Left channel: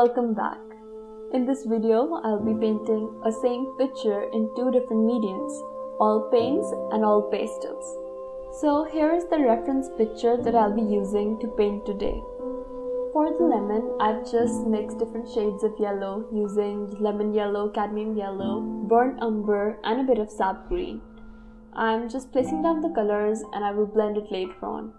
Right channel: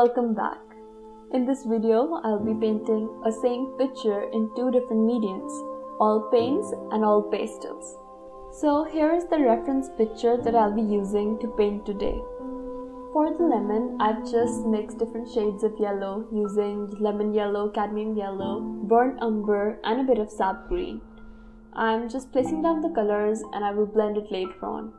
welcome back. In this video, I'll be painting a same picture in two different mediums, all paints and all pastels. So here is the reference picture that I'll be using to paint today. For the lemon, I've just mixed different shades of yellow using lemon yellow, cadmium yellow, burnt umber and a bit of sap green. I'm just placing down the colors and I will blend it later on.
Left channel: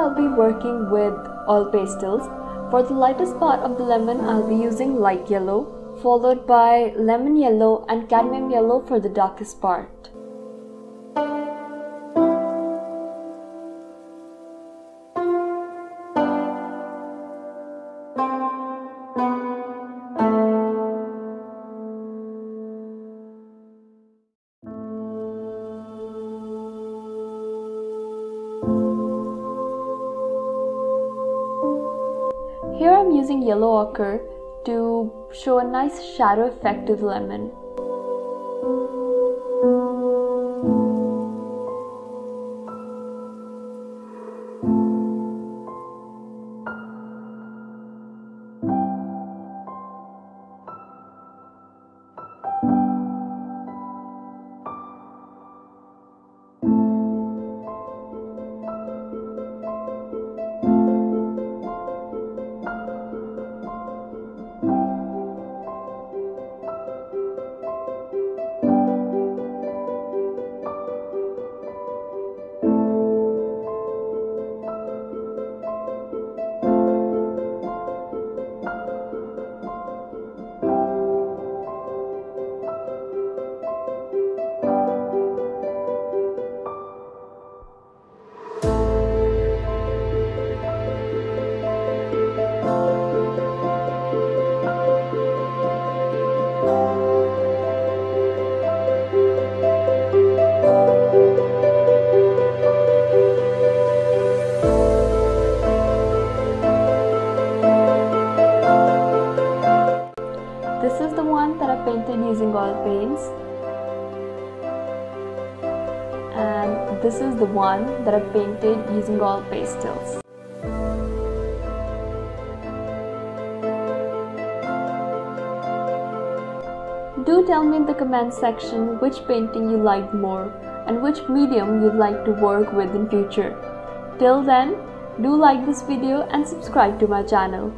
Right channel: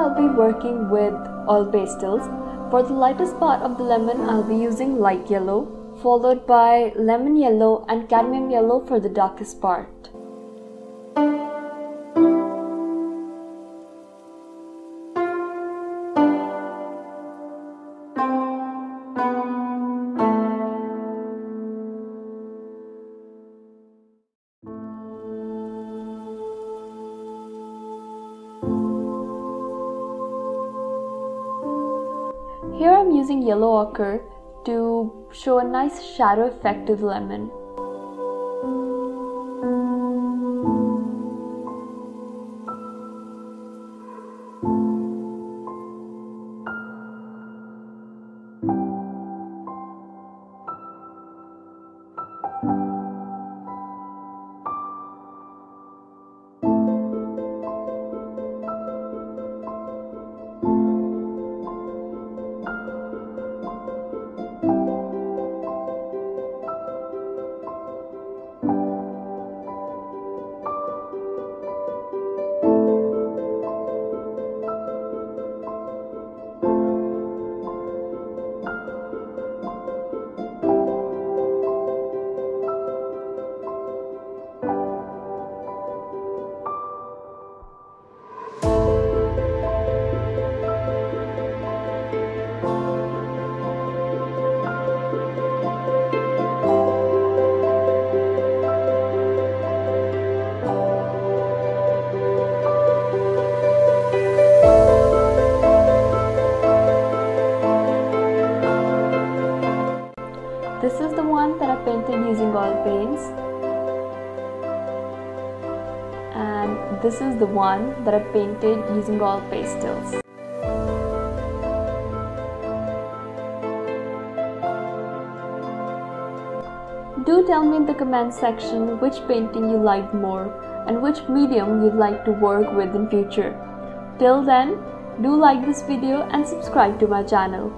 I'll be working with all pastels. For the lightest part of the lemon, I'll be using light yellow, followed by lemon yellow and cadmium yellow for the darkest part. Here I'm using yellow ochre to show a nice shadow effect to the lemon. This is the one that I painted using oil paints, and this is the one that I painted using oil pastels. Do tell me in the comment section which painting you liked more and which medium you'd like to work with in future. Till then, do like this video and subscribe to my channel.